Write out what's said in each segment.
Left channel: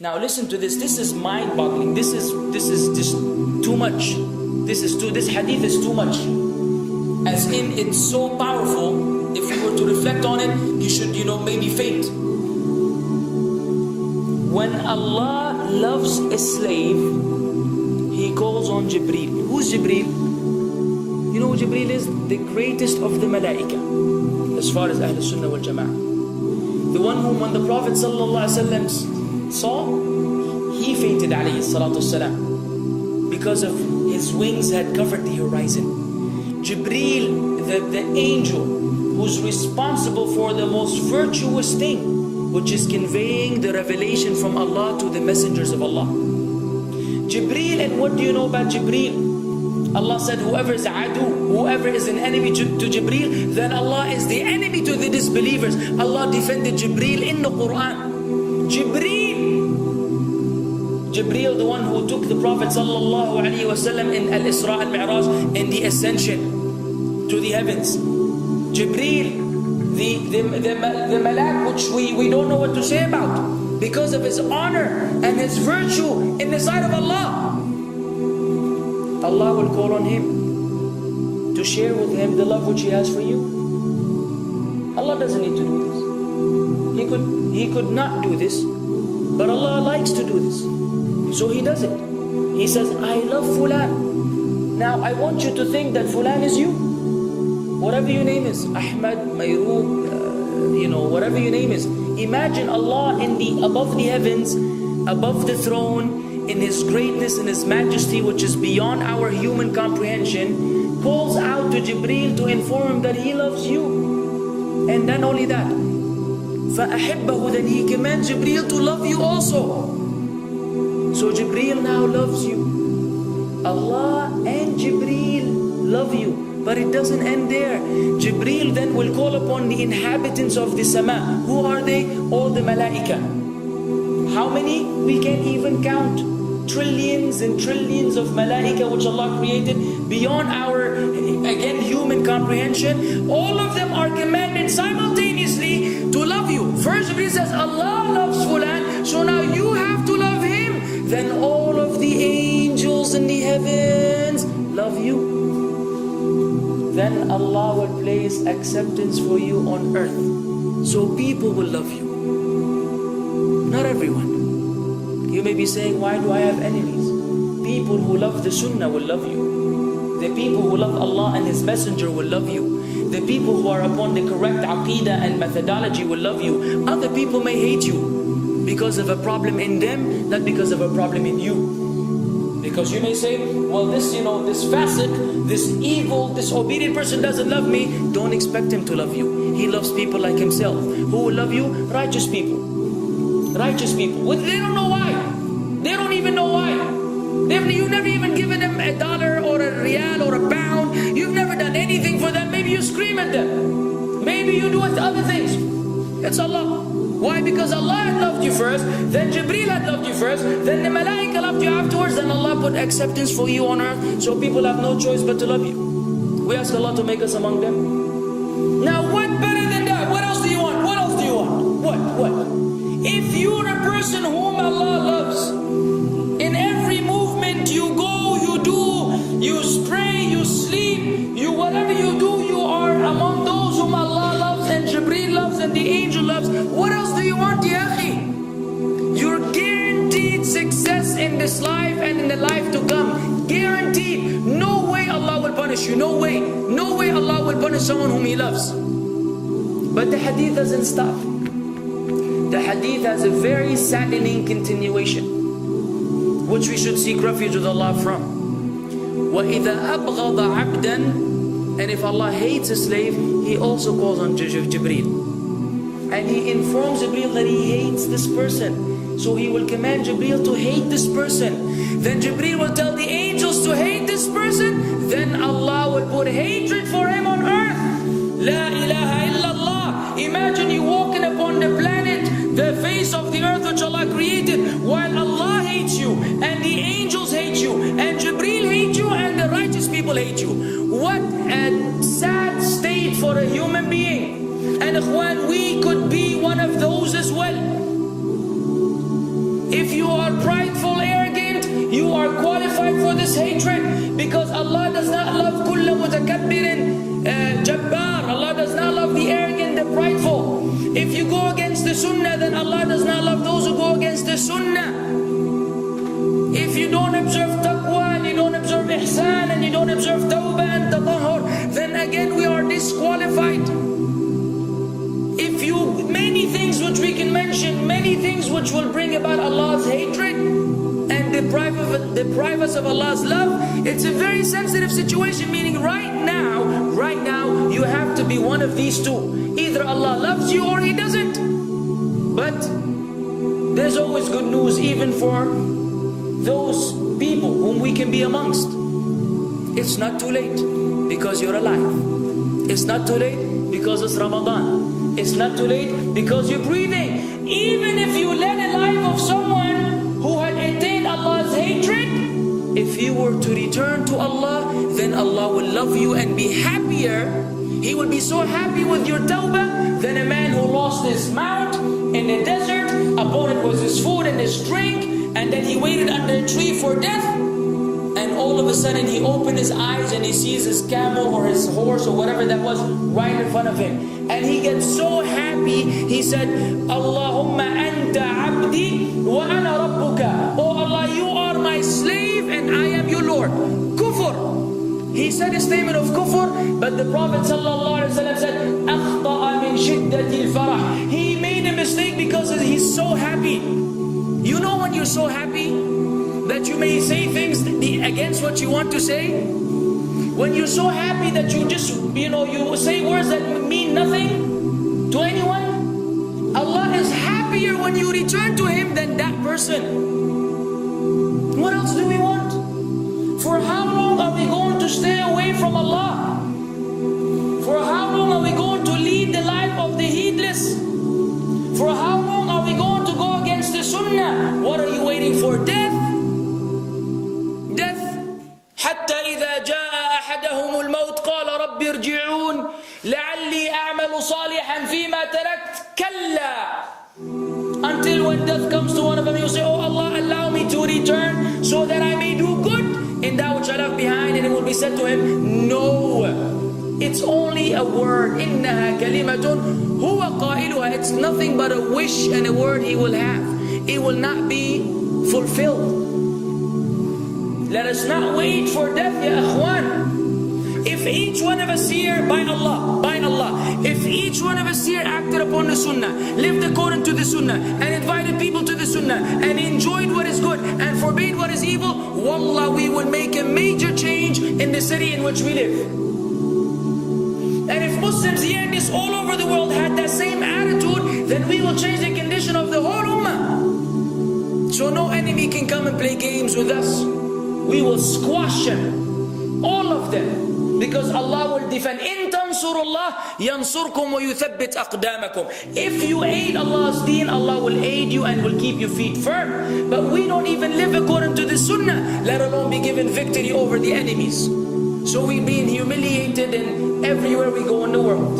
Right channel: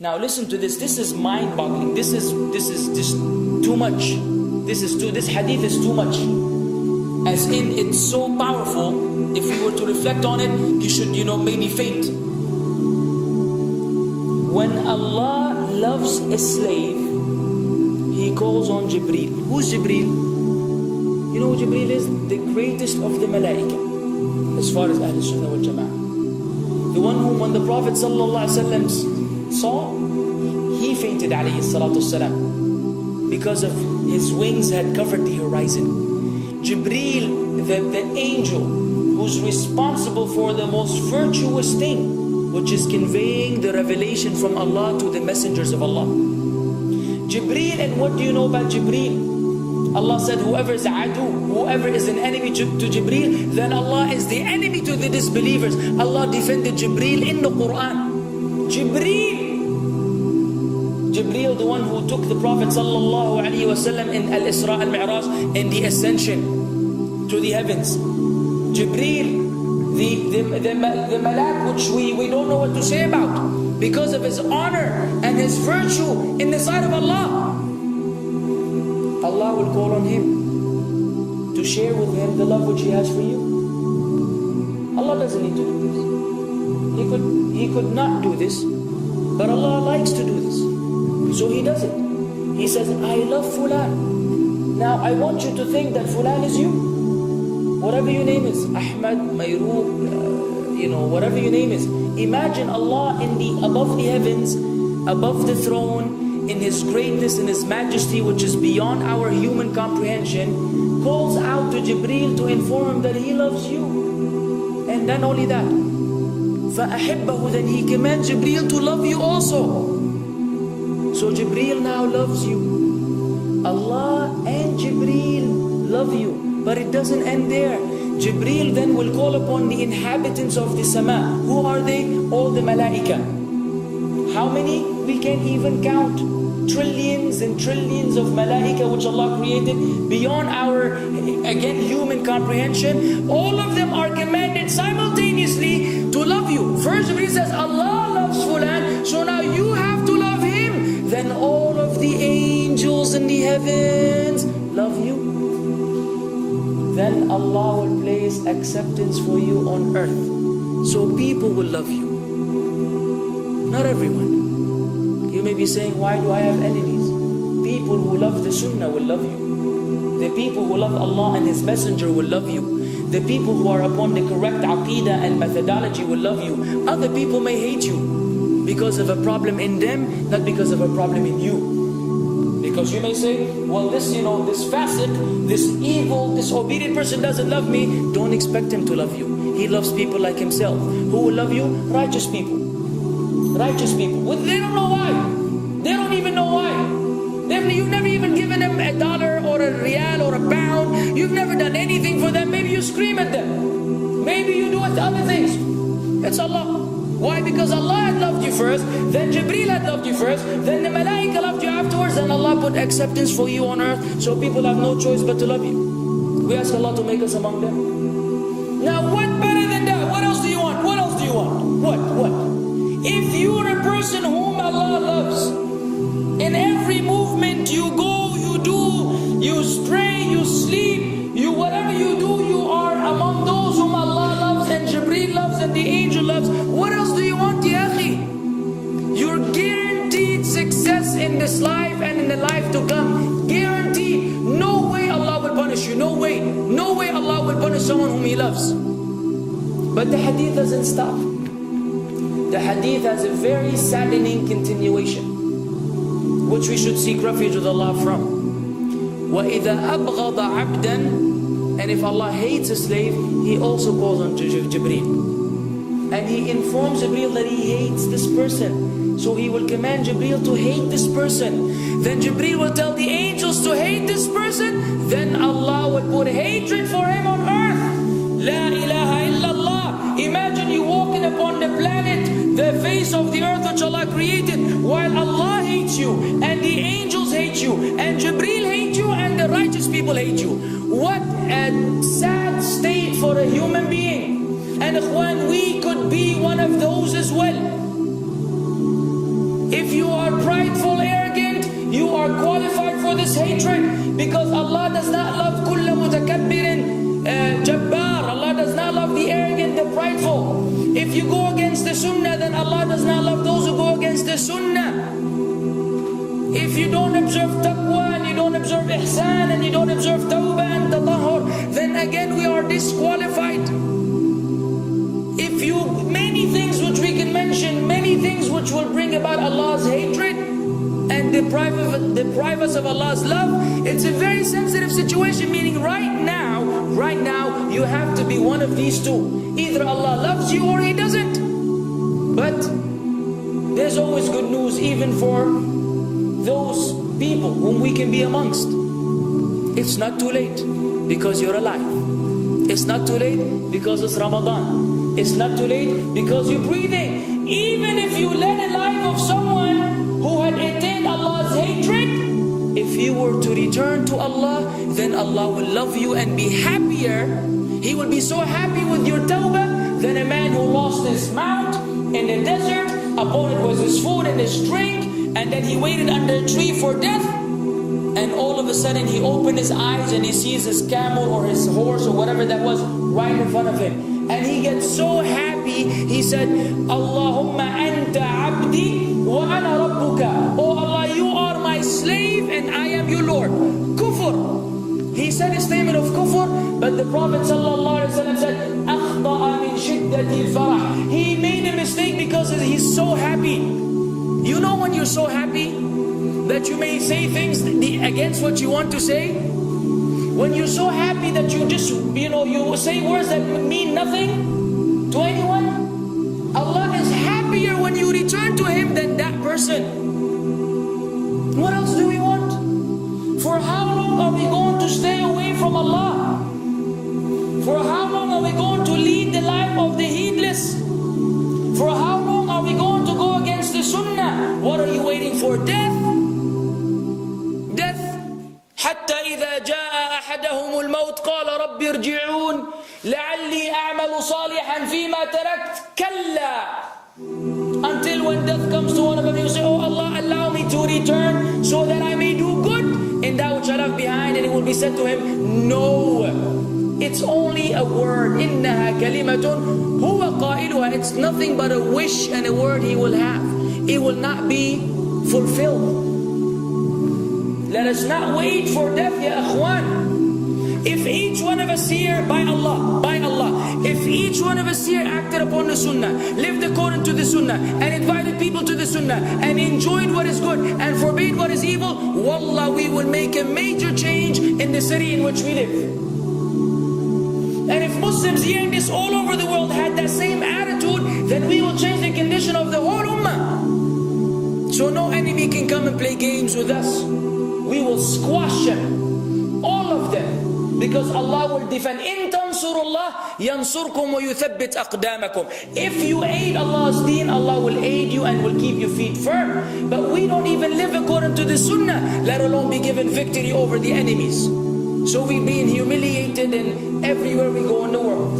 Now listen to this. This is mind-boggling. This is just too much. This hadith is too much. As in, it's so powerful. If you were to reflect on it, you should, maybe faint. When Allah loves a slave, He calls on Jibreel. Who's Jibreel? You know who Jibreel is? The greatest of the malaika, as far as Ahl Sunnah wal Jama'ah. The one whom when the Prophet ﷺ saw, he fainted alayhi salatu wasalam, because of his wings had covered the horizon. Jibreel, the angel who's responsible for the most virtuous thing, which is conveying the revelation from Allah to the messengers of Allah. Jibreel, and what do you know about Jibreel? Allah said, whoever is adu, whoever is an enemy to Jibreel, then Allah is the enemy to the disbelievers. Allah defended Jibreel in the Quran. Jibreel, the one who took the Prophet ﷺ in Al-Isra al-Mi'raj, in the ascension to the heavens. Jibreel, the malak which we don't know what to say about, because of his honor and his virtue in the sight of Allah. Allah will call on him to share with him the love which He has for you. Allah doesn't need to do this. He could not do this, but Allah likes to do this, so He does it. He says, I love Fulan. Now I want you to think that Fulan is you. Whatever your name is, Ahmad, Mayroob, whatever your name is. Imagine Allah above the heavens, above the throne, in His greatness and His majesty, which is beyond our human comprehension, calls out to Jibreel to inform him that He loves you. And then only that, فَأَحِبَّهُ, then He commands Jibreel to love you also. So Jibreel now loves you. Allah and Jibreel love you. But it doesn't end there. Jibreel then will call upon the inhabitants of the sama. Who are they? All the malaika. How many? We can't even count. Trillions and trillions of malaika which Allah created beyond our, again, human comprehension. All of them are commanded simultaneously to love you. First Jibreel says, Allah loves Fulan, so now you have to love him. Then all of the angels in the heavens love you. Then Allah will place acceptance for you on earth. So people will love you. Not everyone. You may be saying, why do I have enemies? People who love the Sunnah will love you. The people who love Allah and His Messenger will love you. The people who are upon the correct aqidah and methodology will love you. Other people may hate you because of a problem in them, not because of a problem in you. Because you may say, well, this fasiq, this evil, disobedient person doesn't love me. Don't expect him to love you. He loves people like himself. Who will love you? Righteous people. Righteous people. Well, they don't know why. They don't even know why. You've never even given them $1 or a riyal or a pound. You've never done anything for them. Maybe you scream at them. Maybe you do other things. It's Allah. Why? Because Allah had loved you first, then Jibreel had loved you first, then the malaika loved you afterwards, then Allah put acceptance for you on earth, so people have no choice but to love you. We ask Allah to make us among them. Now what better than that? What else do you want? What else do you want? What? If you're a person whom Allah loves, in every movement you go, you do, you stray, you sleep, whatever you do, you are among those whom Allah loves and Jibreel loves and the angel loves. What else do you want, ya akhi? You're guaranteed success in this life and in the life to come. Guaranteed. No way Allah will punish you. No way. No way Allah will punish someone whom He loves. But the hadith doesn't stop. The hadith has a very saddening continuation, which we should seek refuge with Allah from. وَإِذَا أَبْغَضَ عَبْدًا, and if Allah hates a slave, He also calls on Jibreel. And He informs Jibreel that He hates this person. So He will command Jibreel to hate this person. Then Jibreel will tell the angels to hate this person. Then Allah will put hatred for him on earth. La ilaha illallah. Imagine you walking upon the planet, the face of the earth which Allah created, while Allah hates you, and the angels hate you, and Jibreel hate you, and the righteous people hate you. What a sad state for a human being. And ikhwan, we could be one of those as well. If you are prideful, arrogant, you are qualified for this hatred, because Allah does not love kulla mutakabbirin jabbar. Allah does not love the arrogant, the prideful. If you go against the sunnah, then Allah does not love those who go against the sunnah. If you don't observe taqwa, and you don't observe ihsan, and you don't observe tawbah and tatahur, then again we are disqualified. If you, many things which we can mention, many things which will bring about Allah's hatred and deprive us of Allah's love. It's a very sensitive situation, meaning right now, you have to be one of these two. Either Allah loves you or He doesn't. But there's always good news even for those people whom we can be amongst. It's not too late because you're alive. It's not too late because it's Ramadan. It's not too late because you're breathing. Even if you led a life of someone who had attained Allah's hatred, if you were to return to Allah, then Allah will love you and be happier. He will be so happy with your tawbah than a man who lost his mount in the desert. Upon it was his food and his drink, and then he waited under a tree for death, and all of a sudden he opened his eyes and he sees his camel or his horse or whatever that was right in front of him, and he gets so happy. He said, Allahumma anta abdi wa ana rabbuka. Oh Allah, you are my slave and I am your Lord. Kufr. He said a statement of kufr, but the Prophet ﷺ said, أَخْطَأَ مِنْ شِدَّةِ الْفَرَحِ. He made a mistake because he's so happy. You know when you're so happy that you may say things against what you want to say? When you're so happy that you just, you say words that mean nothing to anyone? Allah is happier when you return to Him than that person. What else do we want? For how long are we going to stay away from Allah? For how long are we going to lead the life of the heedless? For how long are we going to go against the sunnah? What are you waiting for? Death? Death. حتى إذا جاء أحدهم الموت قال رب ارجعون لعلي أعمل صالحا فيما تركت كلا. Until when death comes to one of them, you say, oh Allah, allow me to return so that I may do good in that which I left behind. And it will be said to him, no, it's only a word. إِنَّهَا كَلِمَةٌ هُوَ قَائِلُهَا. It's nothing but a wish and a word he will have. It will not be fulfilled. Let us not wait for death, ya akhwan. If each one of us here, by Allah, if each one of us here acted upon the sunnah, lived according to the sunnah, and invited people to the sunnah, and enjoyed what is good, and forbade what is evil, wallah, we will make a major change in the city in which we live. And if Muslims here and this all over the world had that same attitude, then we will change the condition of the whole ummah. So no enemy can come and play games with us. We will squash them, all of them. Because Allah will defend. إِن تَنْصُرُ اللَّهِ يَنْصُرْكُمْ وَيُثَبِّتْ أَقْدَامَكُمْ. If you aid Allah's deen, Allah will aid you and will keep your feet firm. But we don't even live according to the sunnah, let alone be given victory over the enemies. So we're being humiliated in everywhere we go in the world.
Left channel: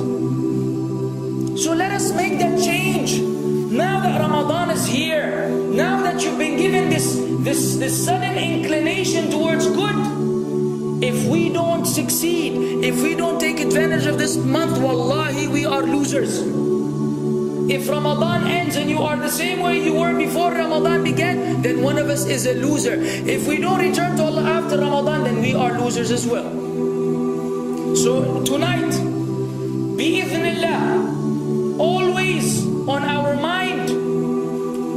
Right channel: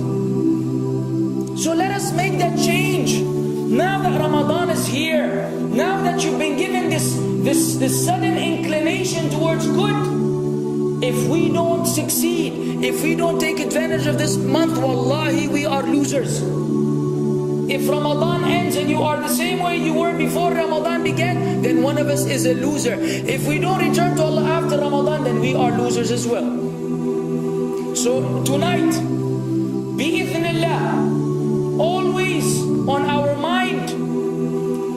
So let us make that change. Now that Ramadan is here, now that you've been given this sudden inclination towards good, if we don't succeed, if we don't take advantage of this month, wallahi, we are losers. If Ramadan ends and you are the same way you were before Ramadan began, then one of us is a loser. If we don't return to Allah after Ramadan, then we are losers as well. So tonight, bi'idhnillah, always on our mind,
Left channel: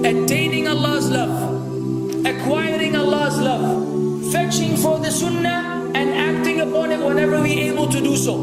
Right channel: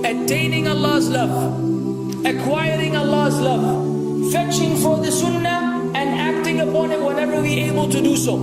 attaining Allah's love, acquiring Allah's love, fetching for the sunnah, and acting upon it whenever we're able to do so.